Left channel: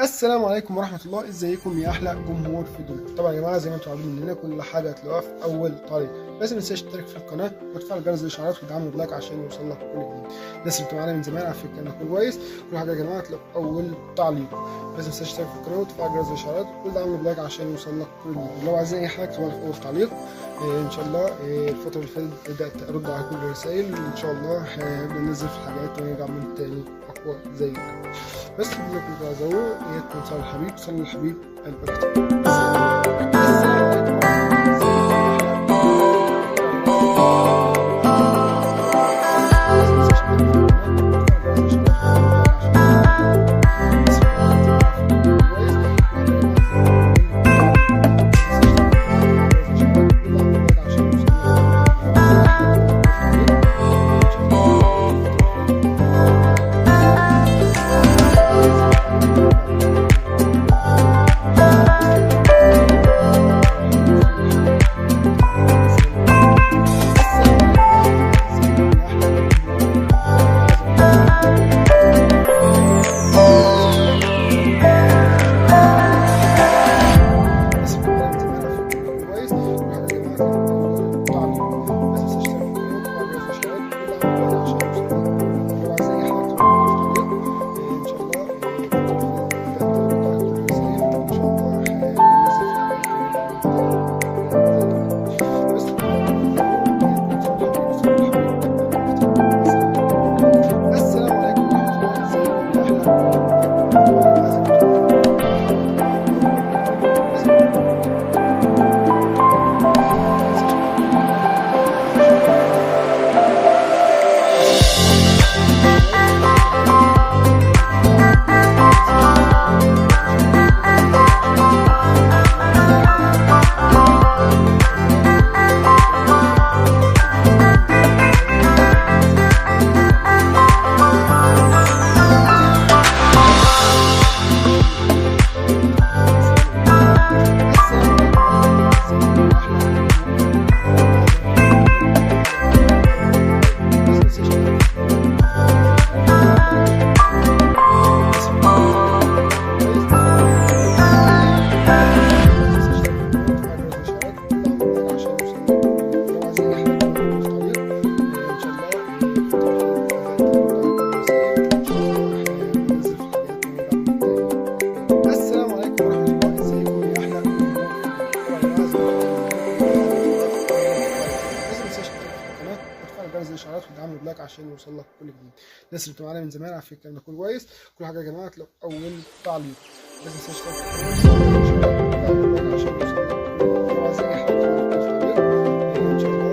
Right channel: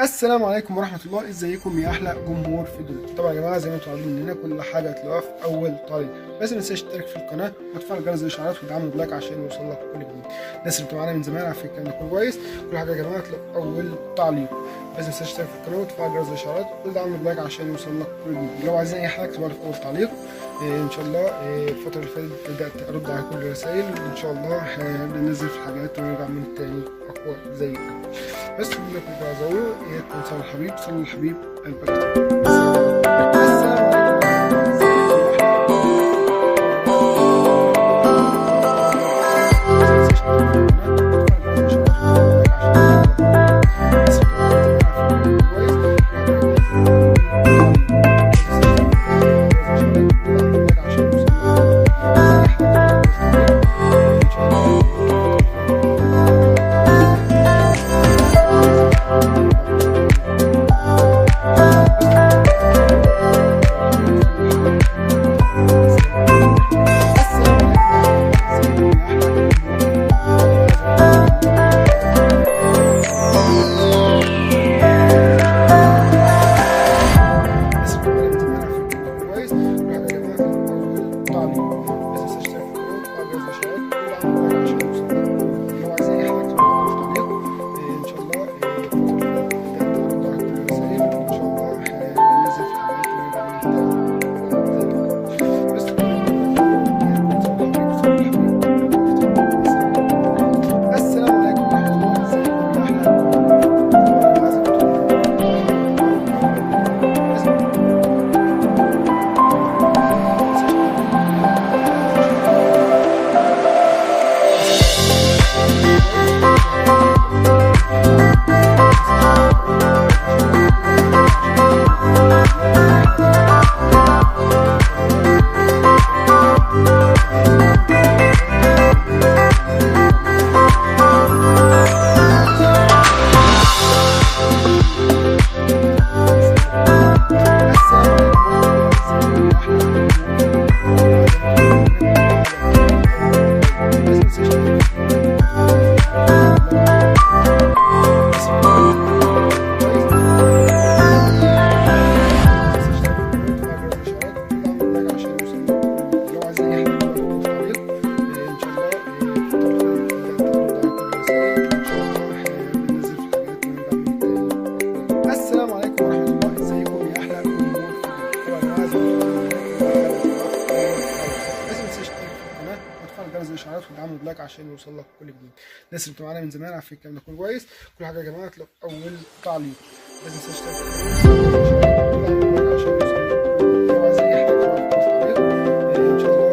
السلام عليكم ورحمة الله، ازيكم يا احلى جمهور في الدنيا. طبعا يا جماعة زي ما انتم عارفين مننا كل حاجة هتلاقوها في اول تعليق، بس ما تنساش تشترك في القناة وتفعل جرس الاشعارات وتدعمنا بلايك عشان يوصلك كل جديد. الناس اللي بتبقى معانا من زمان عارفين الكلام ده كله كويس. كل حاجة يا جماعة هتلاقوها في اول تعليق، بس ما تنساش تشترك في القناة وتفعل جرس الاشعارات وتدعمنا بلايك عشان يوصلك كل جديد. لو عايزين اي حاجة اكتبوها لي في اول تعليق. ان شاء الله الفترة اللي فاتت بدأت ارد على كل الرسائل، وان شاء الله هنبدأ ننزل في الحاجات ونرجع من تاني اقوى زي الأول. بس بدنا كل بعضه تكون صلى الحبيب صلى الحبيب البكتير. السلام عليكم وتفعل جرس الاشعارات وتدعمنا بلايك عشان يوصلك كل جديد. الناس اللي بتبقى معانا من زمان عارفين الكلام ده كله كويس. كل حاجه يا جماعه هتلاقوا في اول تعليق، بس ما تنساش تشترك في القناه عشان يوصلك. لو عايزين اي حاجه في التعليق ان شاء الله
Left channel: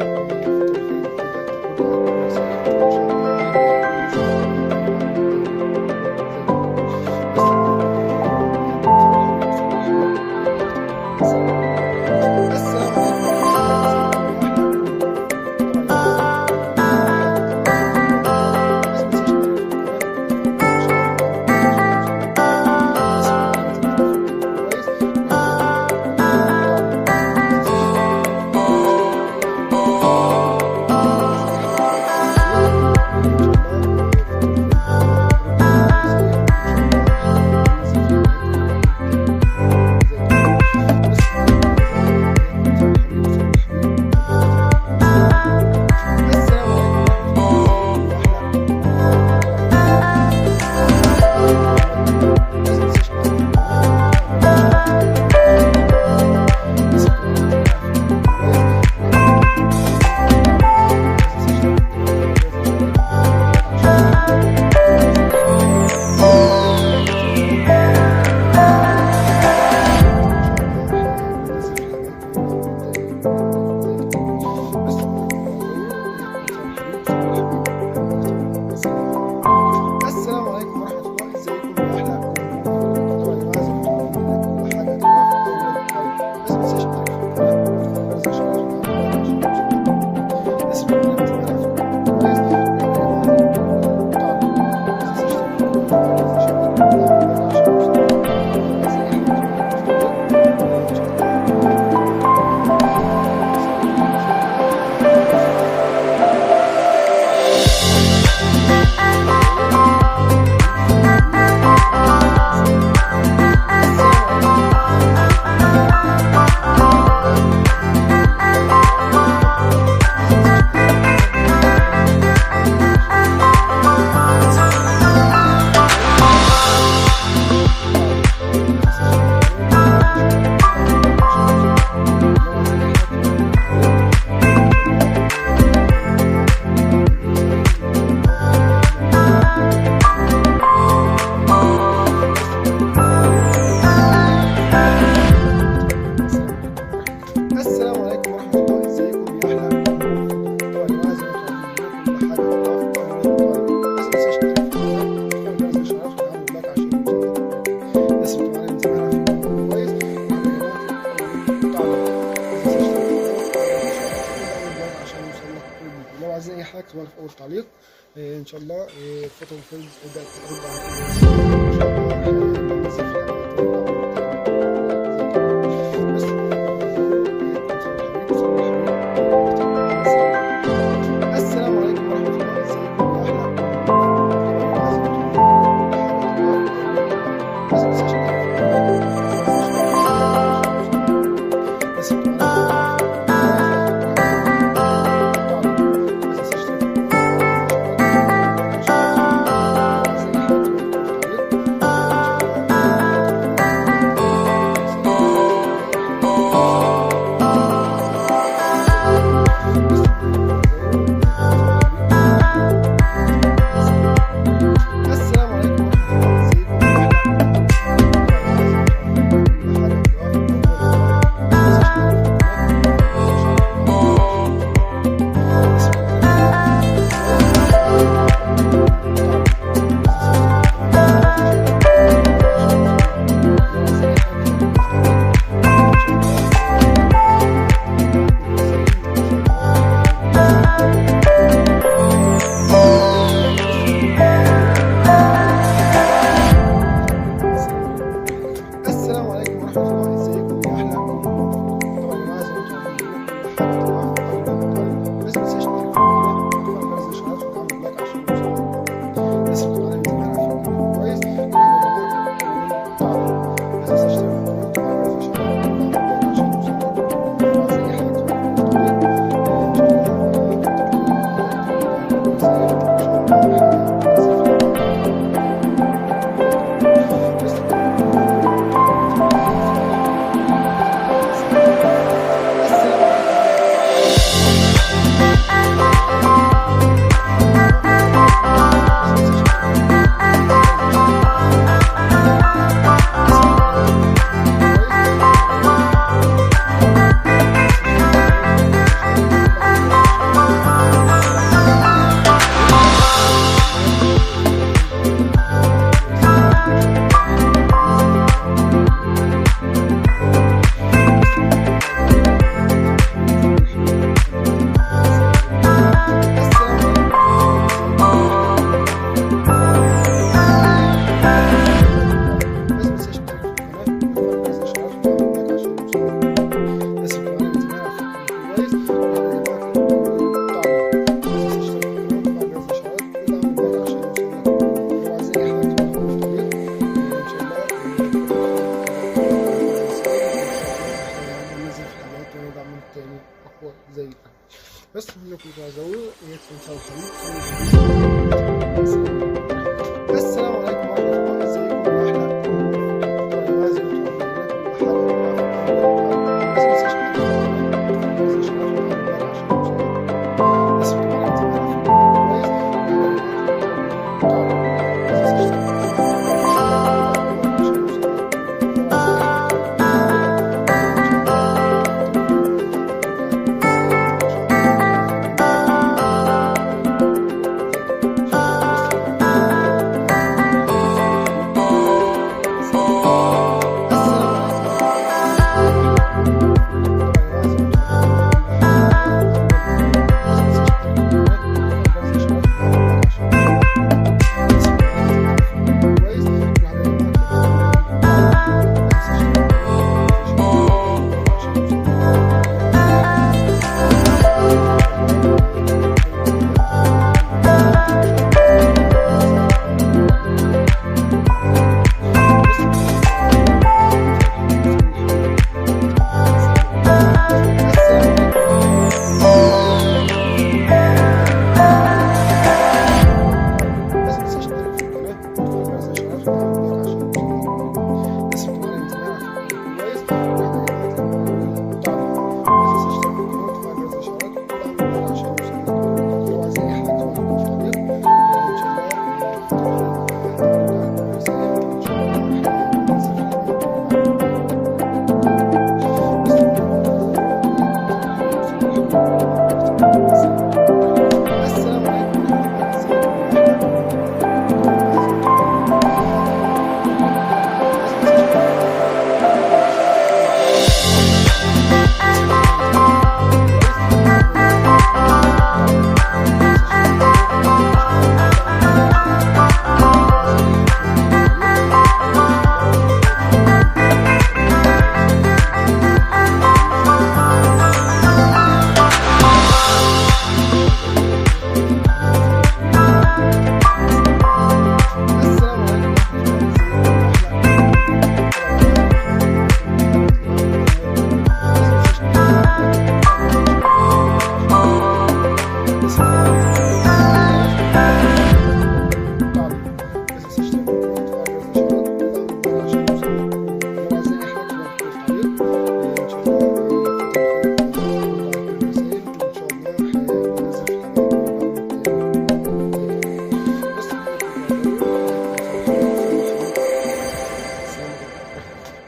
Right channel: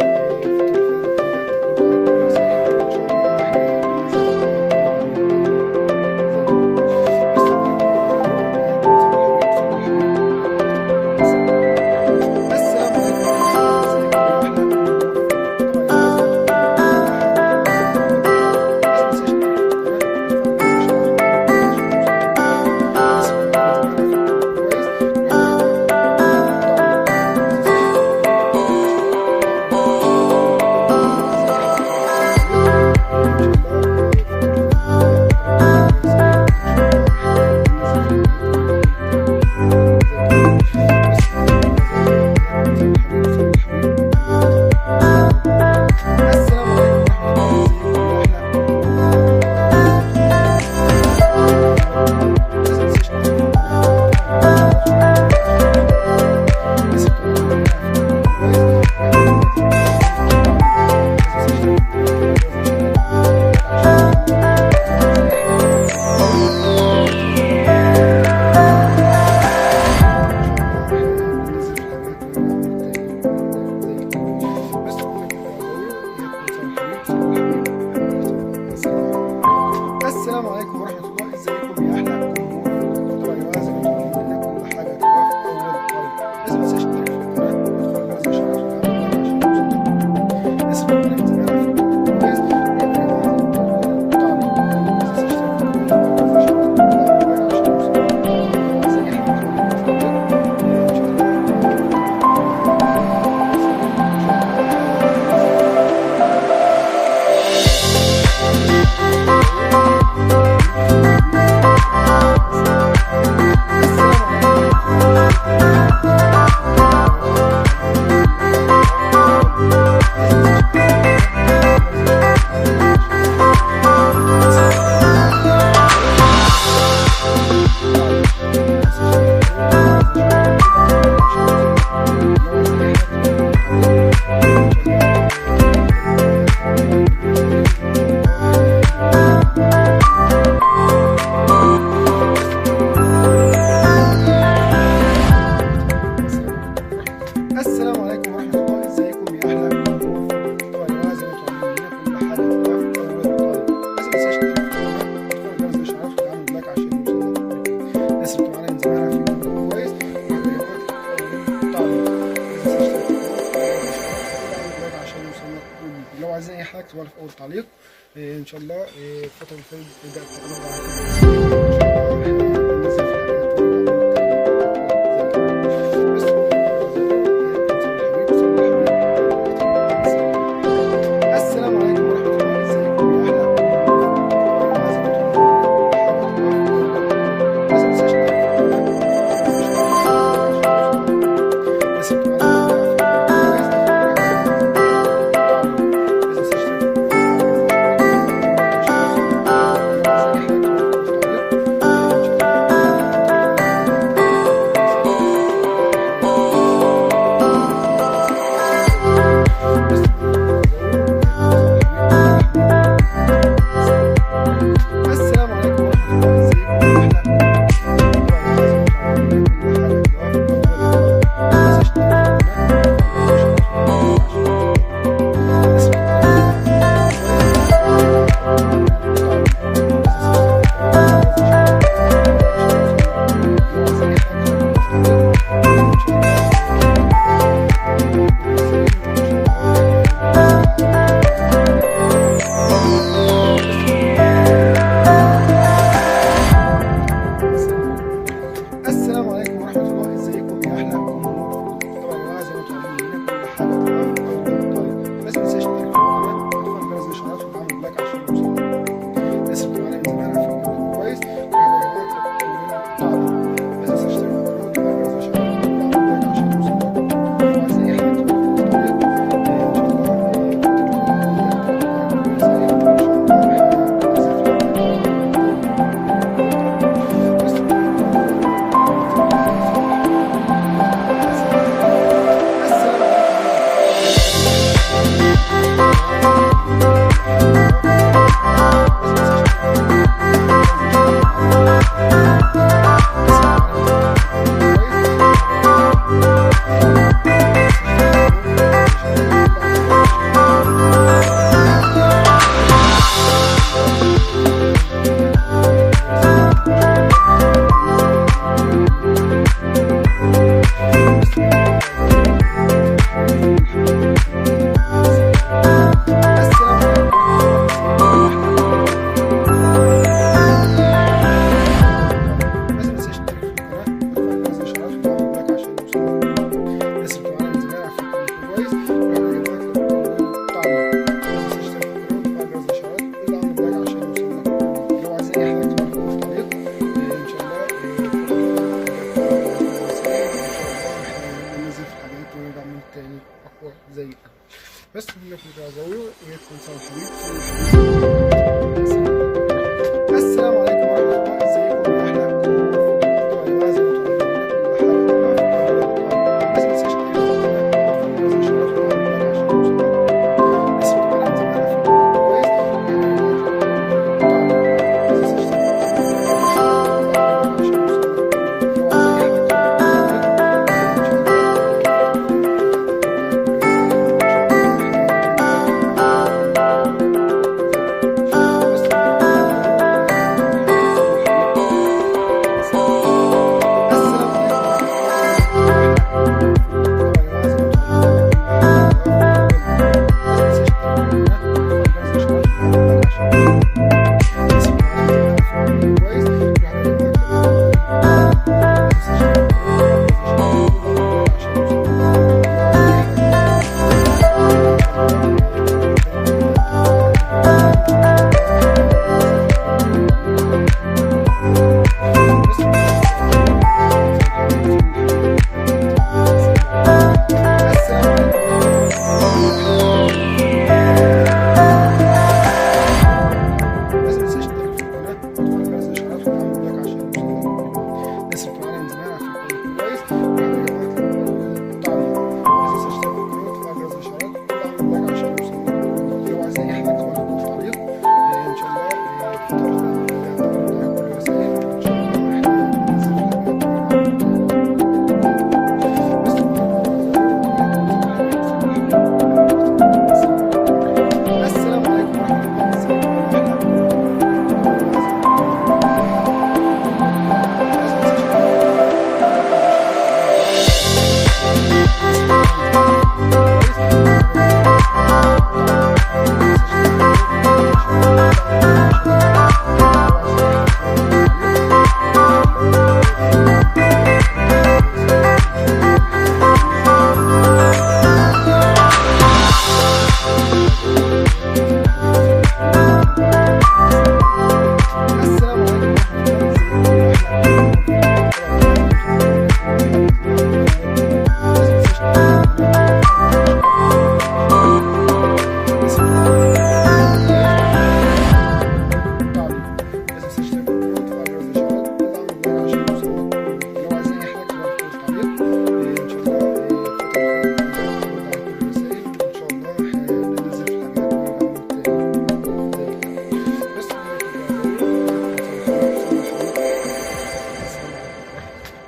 اكتبوها لي في اول تعليق. ان شاء الله الفتره اللي فاتت بدات ارد على كل الرسائل، بنزل في السلام عليكم ورحمة الله، ازيكم يا احلى السلام عليكم ورحمة الله، ازيكم يا احلى جمهور. طبعا يا جماعة زي ما انتم عارفين كل حاجة تبقى في اول طريق، بس ما تنساش تشترك في القناة وتفعل جرس الاشعارات وتعمل لايك عشان يوصلك. الناس اللي بتتابعني من زمان عارفين القناة كويس، بس ما تنساش تشترك في القناة وتفعل جرس الاشعارات وتعمل لايك عشان يوصلك. وعايز اي حاجة تبقى في الطريق ان شاء تاني اقوى زي الاول. بس انكم تعزوا ويا تنسوا الحبيب. السلام عليكم ورحمه الله، ازيكم يا احلى جمهور. طبعا يا جماعه زي ما انتم عارفين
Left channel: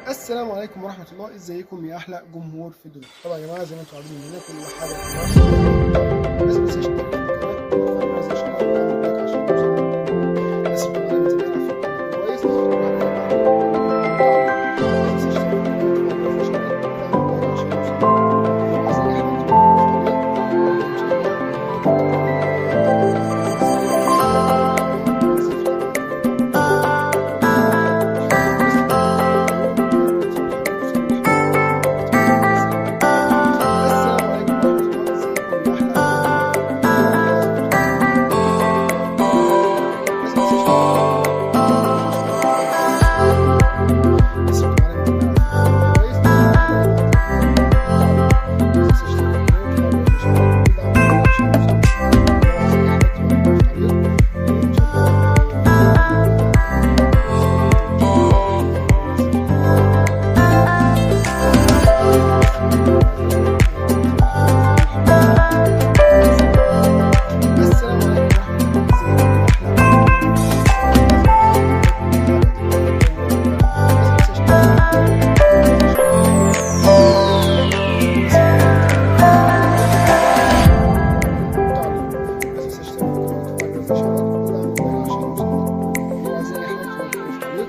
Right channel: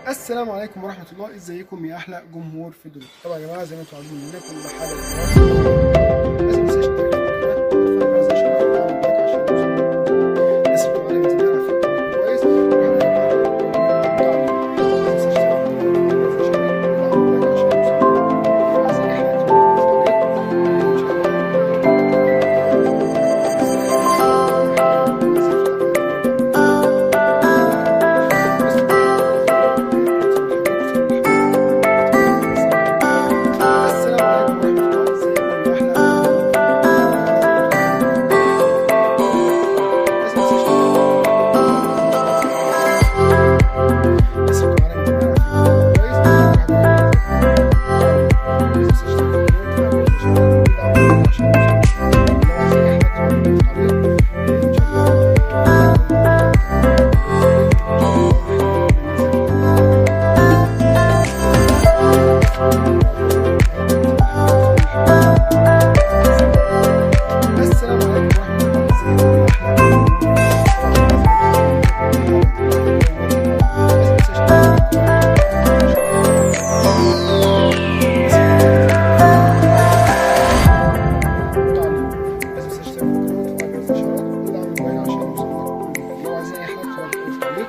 السلام عليكم ورحمة الله، ازيكم يا أحلى جمهور في الدنيا. طبعا يا جماعة زي ما انتم عارفين مننا كل حاجة لازم ما تنساش تشترك في القناة وتفعل جرس الإشعارات وتعمل لايك عشان يوصلك الناس اللي بتتابعنا من زمان على فكرة كويس. السلام عليكم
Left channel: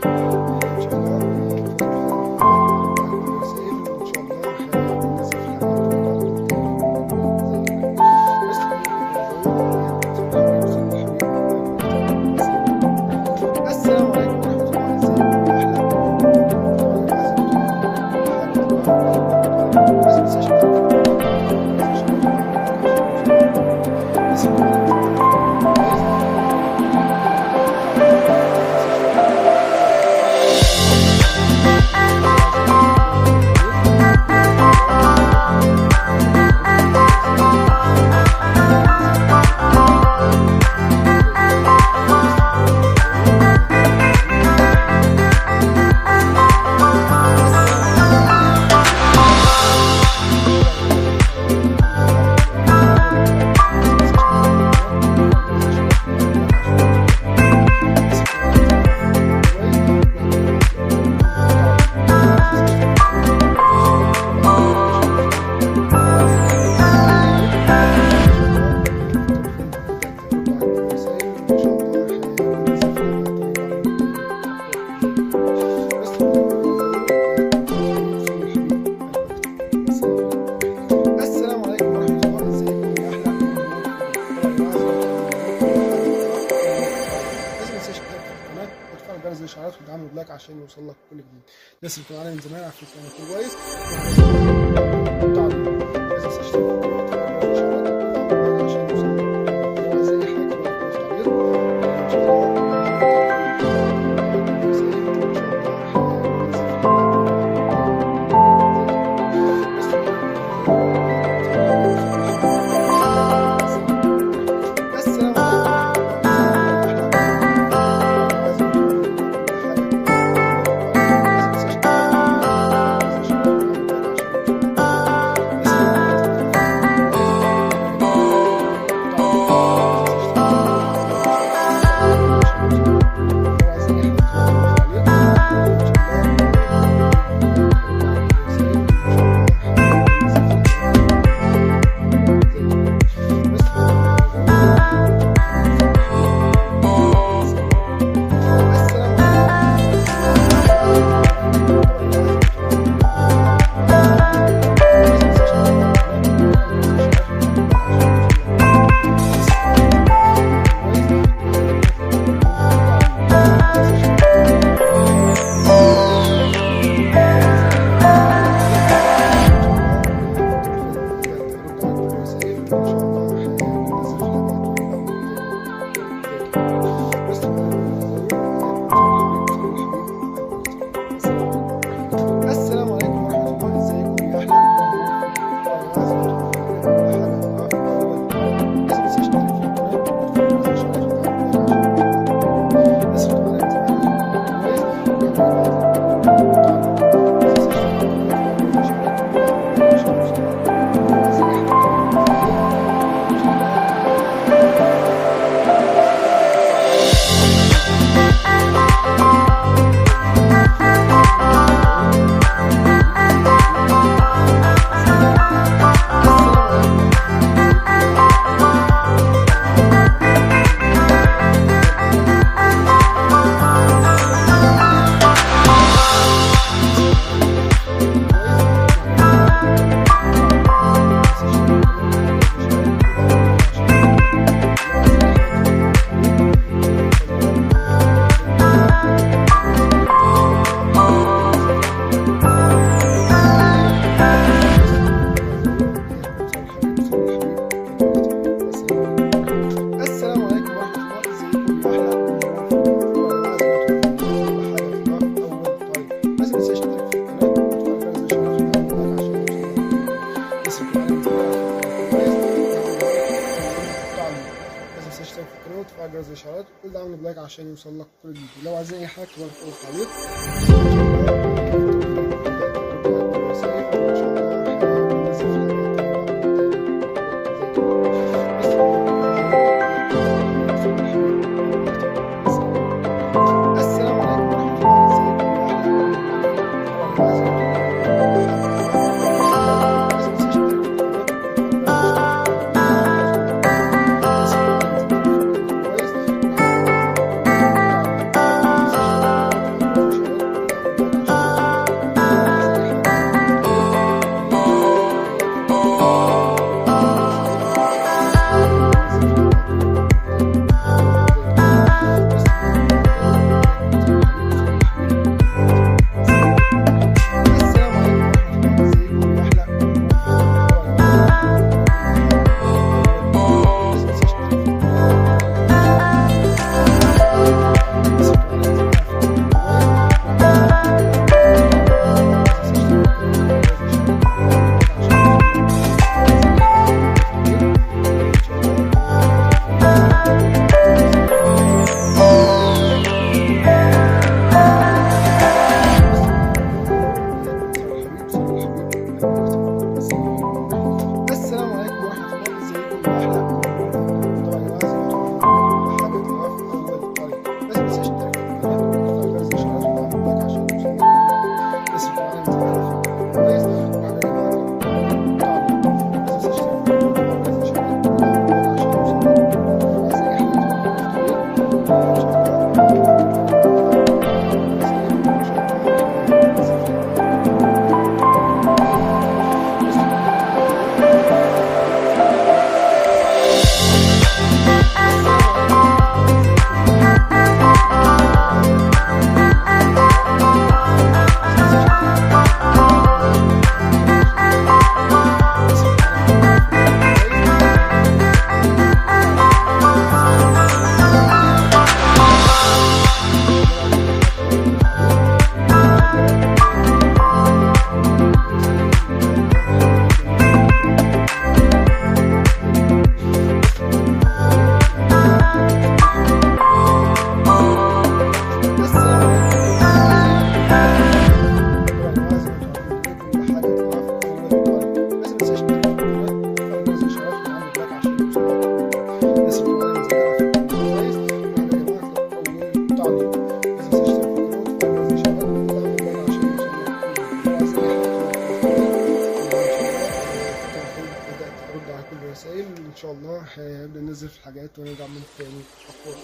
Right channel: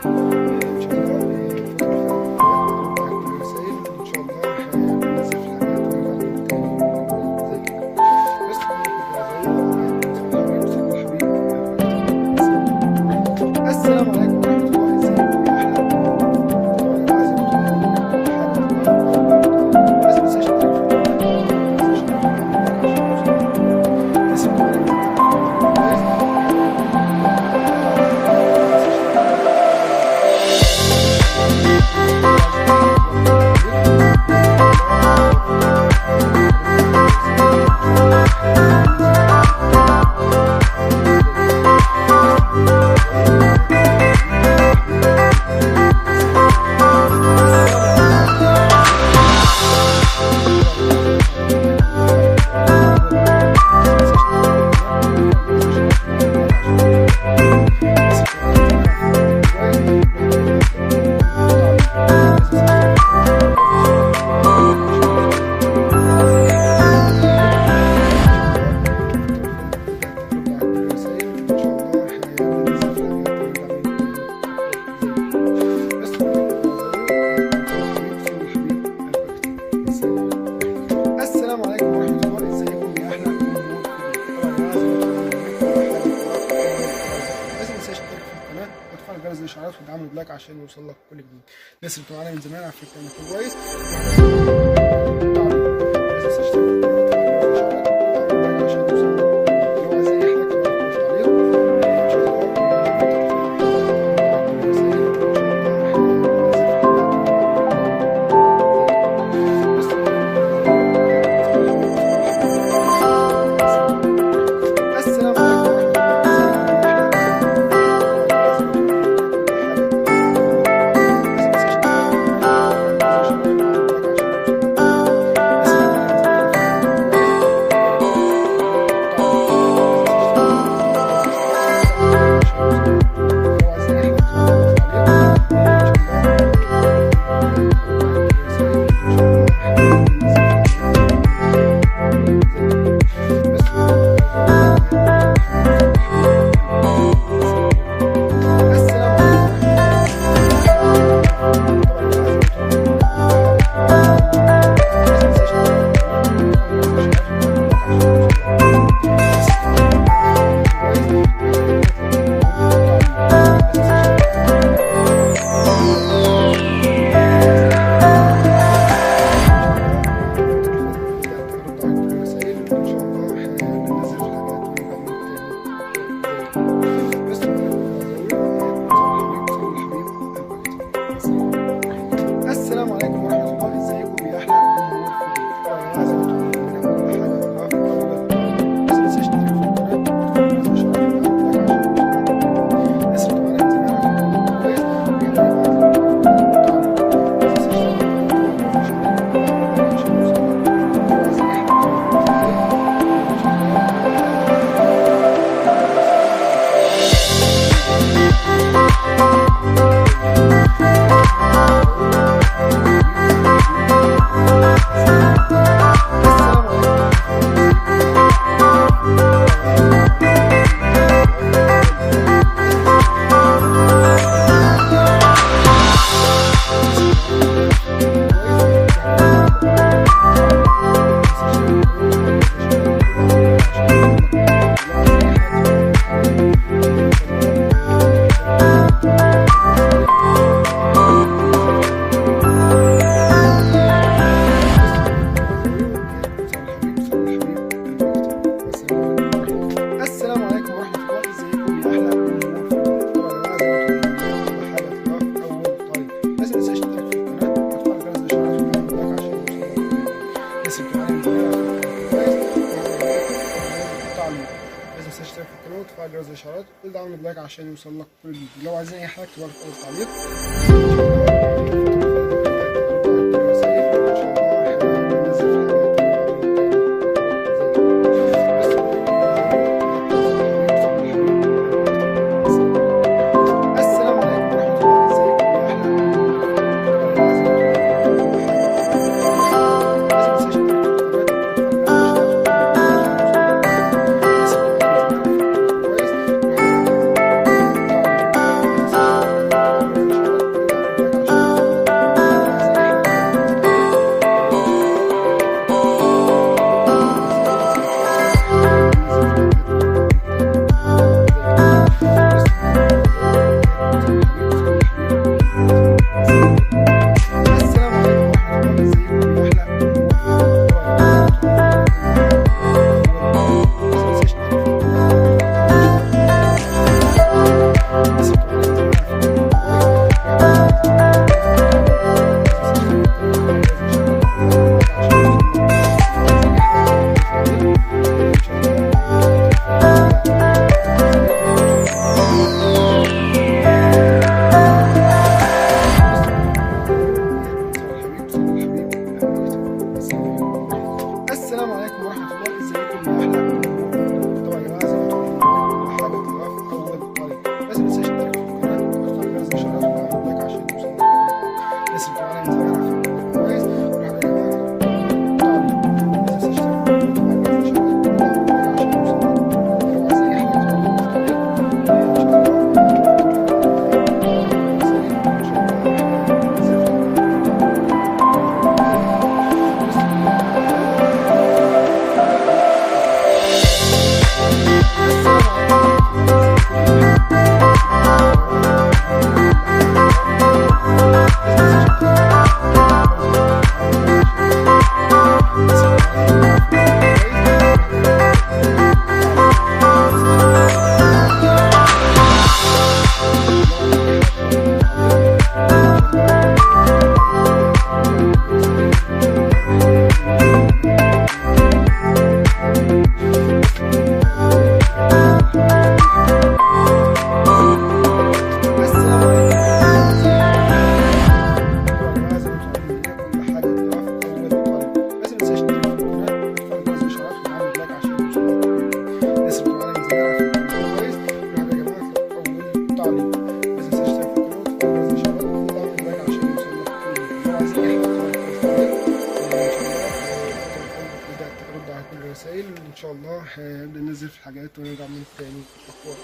ورحمة الله، ازيكم يا أحلى بس ما تنساش تشترك في السلام عليكم ورحمة الله، ازيكم يا أحلى جمهور لازم ما تنساش تشترك في القناة وتفعل جرس الإشعارات وتدعمنا بلايك عشان يوصل لك كل جديد. الناس اللي بتتابعنا من زمان على فكرة انك كويس. لازم تشترك في القناة وتفعل جرس الإشعارات وتدعمنا بلايك عشان يوصل لك لو عايز أي حاجة كده في التعليق. وتفعل جرس الاشعارات وكل ده عامل بلايك عشان يوصل لك كل جديد. لو عايزين اي حاجه اكتبها في اول تعليق. السلام عليكم ورحمة الله، ازيكم يا أحلى جمهور. طبعا يا جماعة زي ما انتم عارفين كل حاجة تلاقوها في أول طريق، بس متنساش تشترك في القناة وتفعل جرس الإشعارات وتعمل لايك عشان يوصلك الناس اللي معانا من زمان عارفين كويس. وبعد يا جماعة تعليق، بس متنساش تشترك في القناة وتفعل جرس الإشعارات وتعمل لايك عشان يوصلك. لو عايزين أي حاجة تكتبوها في التعليق إن شاء الله. ارد على كل الرسائل ان شاء الله. هنبدا ننزل في الحاجات ونرجع من تاني اقوى.